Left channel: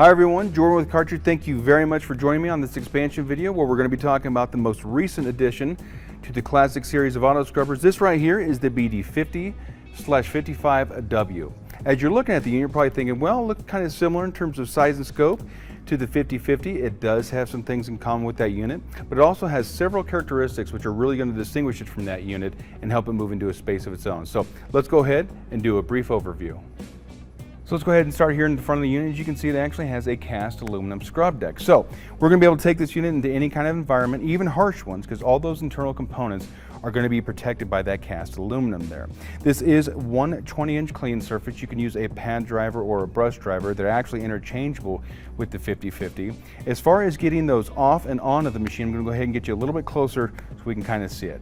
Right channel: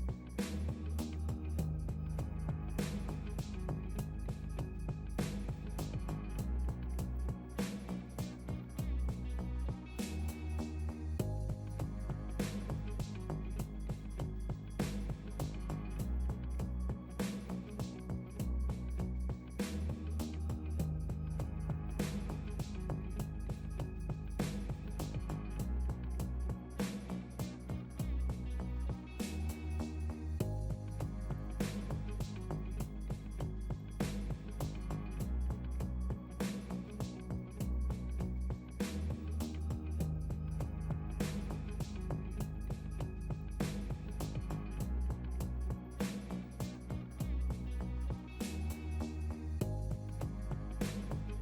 Hi everyone, Jordan with Kärcher. Thank you very much for joining me on this expansion video where we're going to be talking about the most recent addition to the classic series of auto scrubbers. This right here is the BD50/55W. As you're looking at the unit, you're probably thinking, well, it looks kind of similar in terms of size and scope to the 5050. It does have some things in common with that unit, but it also has several characteristics which are really going to distinguish it from that unit and help it move into a space of its own. So let's go ahead and do a brief overview. So let's go ahead and start here in the front of the unit. As you can see, it actually has a cast aluminum scrub deck. So we're going to be able to take this unit into any kind of environment, even harsh ones, because all those internal components are going to be protected by that cast aluminum there. This is one 20-inch clean surface. You can use a pad driver or a brush driver. They're actually interchangeable with the 5050. As far as getting those off and on of the machine, I'm going to go ahead and get you a little bit closer so we can kind of see it.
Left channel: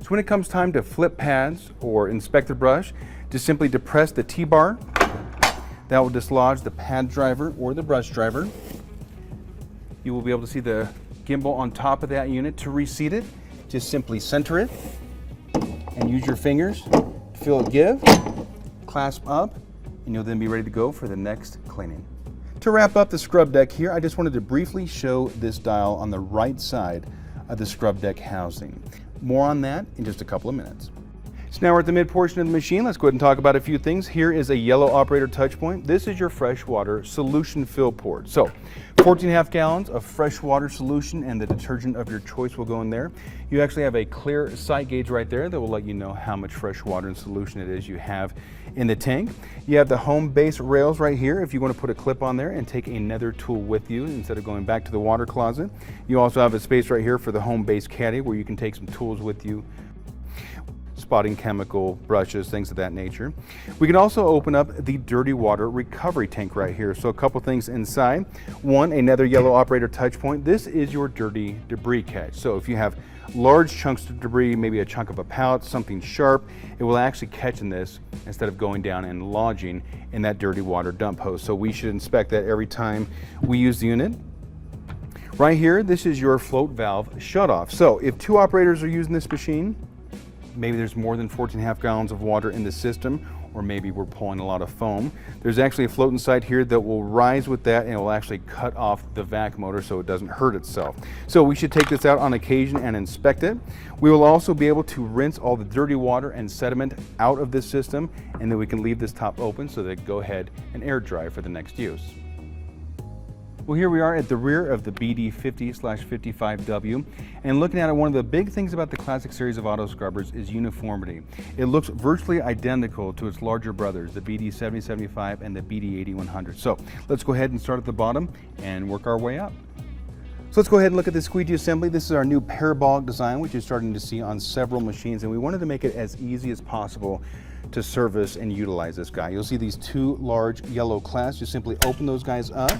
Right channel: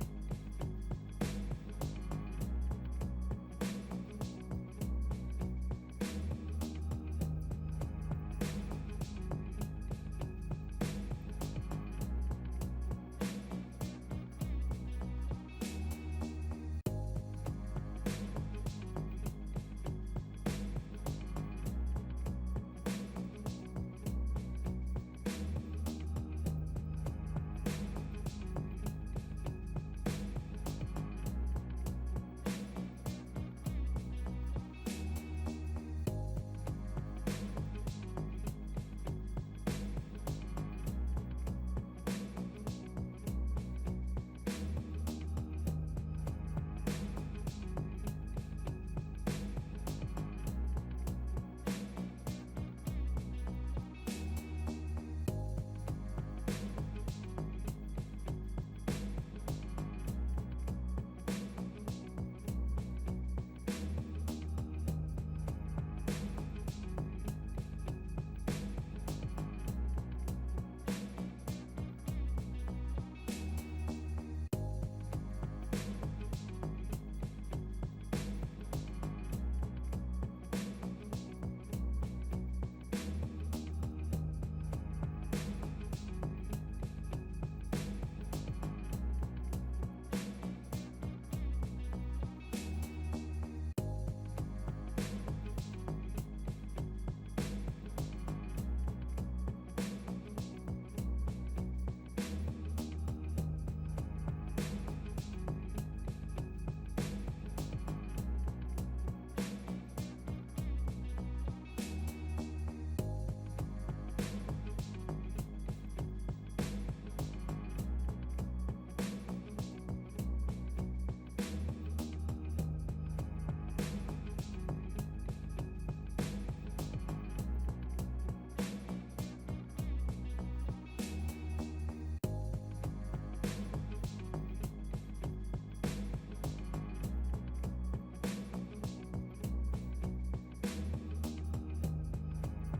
So when it comes time to flip pads or inspect the brush, just simply depress the T-bar. That will dislodge the pad driver or the brush driver. You will be able to see the gimbal on top of that unit. To reseat it, just simply center it and use your fingers, feel it give, clasp up, and you'll then be ready to go for the next cleaning. To wrap up the scrub deck here, I just wanted to briefly show this dial on the right side of the scrub deck housing. More on that in just a couple of minutes. So now we're at the mid portion of the machine. Let's go ahead and talk about a few things. Here is a yellow operator touch point. This is your freshwater solution fill port. So 14.5 gallons of freshwater solution and the detergent of your choice will go in there. You actually have a clear sight gauge right there that will let you know how much fresh water and solution it is you have in the tank. You have the home base rails right here if you want to put a clip on there and take another tool with you instead of going back to the water closet. You also have a space right here for the home base caddy where you can take some tools with you, spotting chemical, brushes, things of that nature. We can also open up the dirty water recovery tank right here. So a couple things inside. One, another yellow operator touch point. This is your dirty debris catch. So if you have large chunks of debris, maybe a chunk of a pallet, something sharp, it will actually catch in this instead of going down and lodging in that dirty water dump hose. So we should inspect that every time we use the unit. Right here, this is your float valve shutoff. So if two operators are using this machine, maybe there's more than 14.5 gallons of water in the system, or maybe we're pulling a lot of foam. There's actually a float inside here that will rise with that and it will actually cut off the vac motor so it doesn't hurt itself. So we should take this out on occasion and inspect it. We will also be able to rinse all the dirty water and sediment out of this system, and then we can leave this top open so that it can go ahead and air dry for the next use. Well, here we are at the rear of the BD50/55W, and looking at it, one of the big things about the classic series of auto scrubbers is uniformity. It looks virtually identical to its larger brothers, the BD7075 and the BD8100. So let's go ahead and start at the bottom and work our way up. So let's go ahead and look at the squeegee assembly. This is our new parabolic design, which you're starting to see on several machines, and we wanted to make it as easy as possible to service and utilize this guy. You'll see these two large yellow clasps. You simply open those guys up.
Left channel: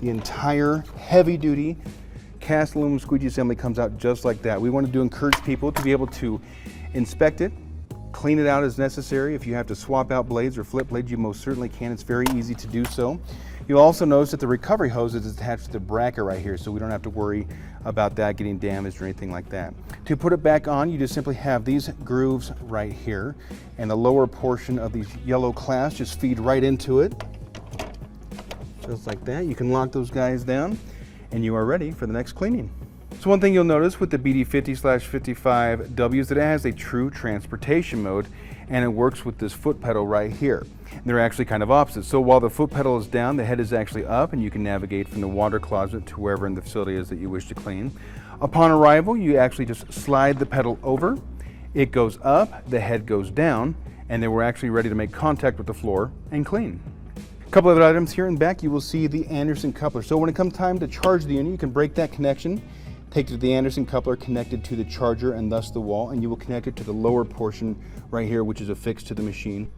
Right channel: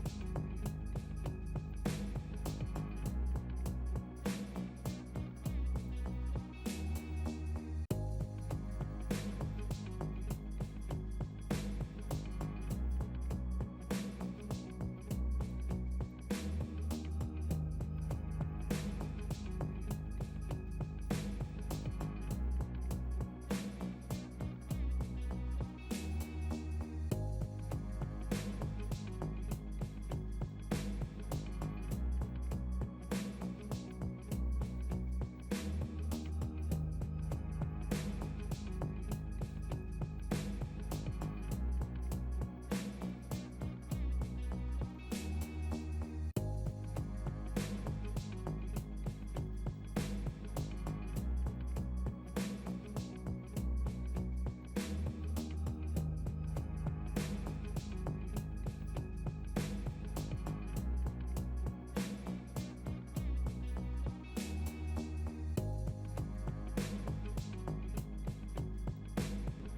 The entire heavy-duty cast aluminum squeegee assembly comes out just like that. We wanted to encourage people to be able to inspect it, clean it out as necessary. If you have to swap out blades or flip blades, you most certainly can. It's very easy to do so. You'll also notice that the recovery hose is attached to the bracket right here, so we don't have to worry about that getting damaged or anything like that. To put it back on, you just simply have these grooves right here, and the lower portion of these yellow clasps just feed right into it. Just like that. You can lock those guys down and you are ready for the next cleaning. So one thing you'll notice with the BD50/55W is that it has a true transportation mode, and it works with this foot pedal right here. They're actually kind of opposite. So while the foot pedal is down, the head is actually up, and you can navigate from the water closet to wherever in the facility is that you wish to clean. Upon arrival, you actually just slide the pedal over. It goes up, the head goes down, and then we're actually ready to make contact with the floor and clean. A couple of items here in back, you will see the Anderson coupler. So when it comes time to charge the unit, you can break that connection, take it to the Anderson coupler connected to the charger and thus the wall, and you will connect it to the lower portion right here, which is affixed to the machine,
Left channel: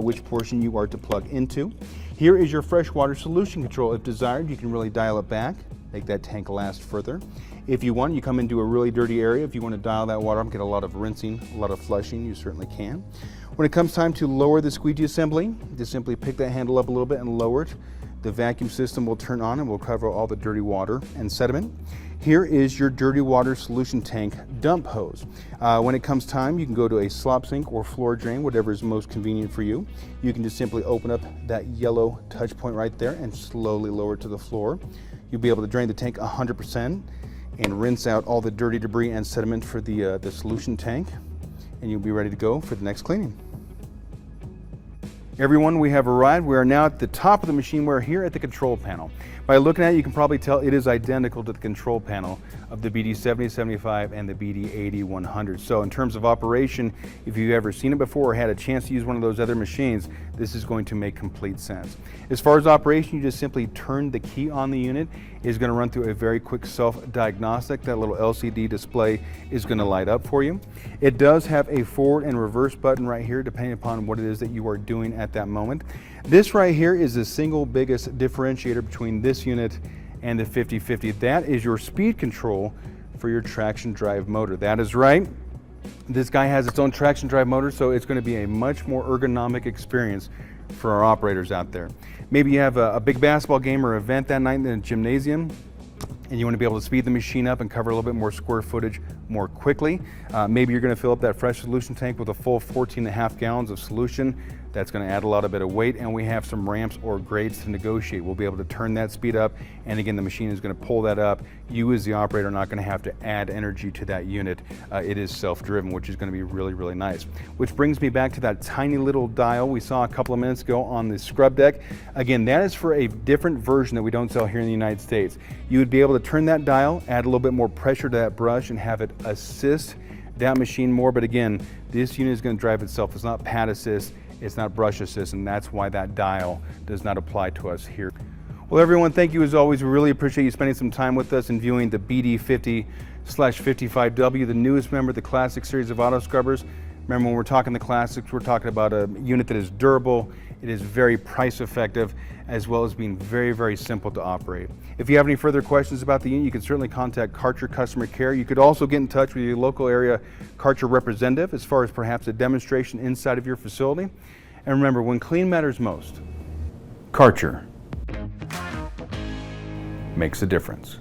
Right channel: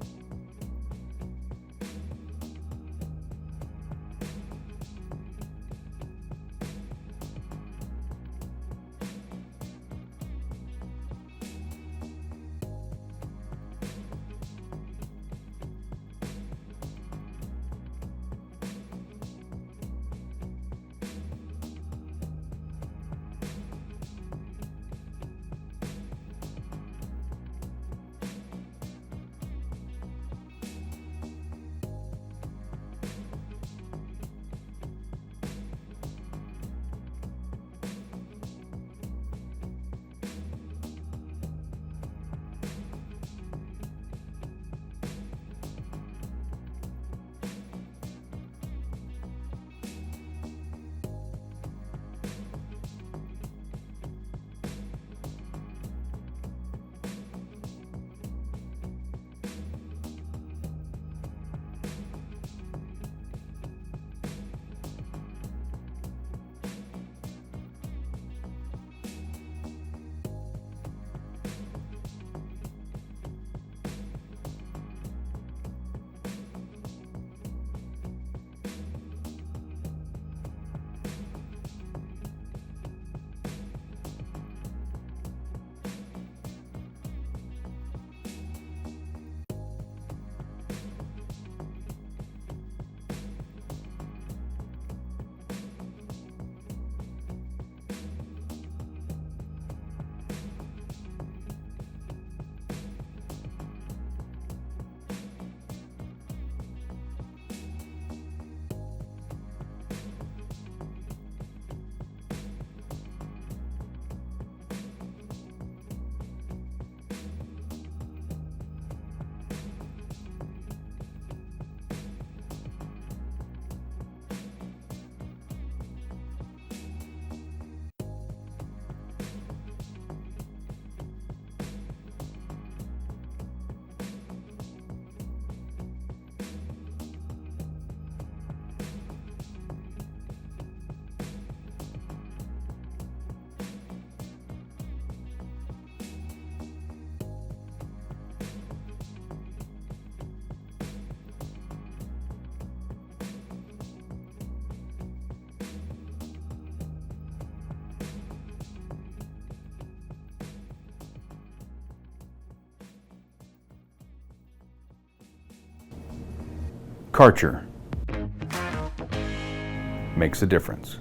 which portion you are to plug into. Here is your freshwater solution control. If desired, you can really dial it back, make that tank last further. If you want, you come into a really dirty area. If you want to dial that water up, get a lot of rinsing, a lot of flushing, you certainly can. When it comes time to lower the squeegee assembly, just simply pick that handle up a little bit and lower it. The vacuum system will turn on and will cover all the dirty water and sediment. Here is your dirty water solution tank dump hose. When it comes time, you can go to a slop sink or floor drain, whatever is most convenient for you. You can just simply open up that yellow touch point right there and slowly lower it to the floor. You'll be able to drain the tank 100% and rinse out all the dirty debris and sediment for the solution tank, and you'll be ready to go for the next cleaning. Everyone, we have arrived. We are now at the top of the machine. We're here at the control panel. By looking at it, you can probably tell it is identical to the control panel of the BD7075 and the BD80-100. So in terms of operation, if you've ever seen it before or had a chance to use one of those other machines, this is going to make complete sense. As far as operation, you just simply turn the key on the unit. It's going to run through a very quick self-diagnostic. That little LCD display is going to light up for you. It does have a forward and reverse button right here, depending upon what it is that you are doing at that moment. This right here is the single biggest differentiator between this unit and the 5050. That is your speed control for your traction drive motor. That is right. This guy has its own traction drive motor, so it's going to be a much more ergonomic experience for our operators out there. Maybe you have a big basketball game or event that night in the gymnasium, and you want to be able to speed the machine up and cover a little bit more square footage more quickly. Maybe you're going to fill up that fresh solution tank with a full 14.5 gallons of solution. That's going to add a lot of bit of weight, and we have some ramps or grades to negotiate. We'll be able to turn that speed up, and again, the machine is going to pull that up. You as the operator are not going to have to add energy to that unit. It is self-driven, which is going to be really, really nice. Which brings me back to that tiny little dial we saw a couple of minutes ago on the scrub deck. Again, that is for a different version that we don't sell here in the United States. You would be able to turn that dial, add a little bit more pressure to that brush, and have it assist that machine more. But again, this unit is going to drive itself. It's not pad assist, it's not brush assist, and that's why that dial does not apply to us here. Well, everyone, thank you as always. We really appreciate you spending some time with us and viewing the BD50/55W, the newest member of the Classic series of auto scrubbers. Remember, when we're talking the Classics, we're talking about a unit that is durable, it is very price effective, as well as being very, very simple to operate. If you have any further questions about the unit, you can certainly contact Kärcher Customer Care. You could also get in touch with your local area Kärcher representative as far as perhaps a demonstration inside of your facility. And remember, when clean matters most, Kärcher makes a difference.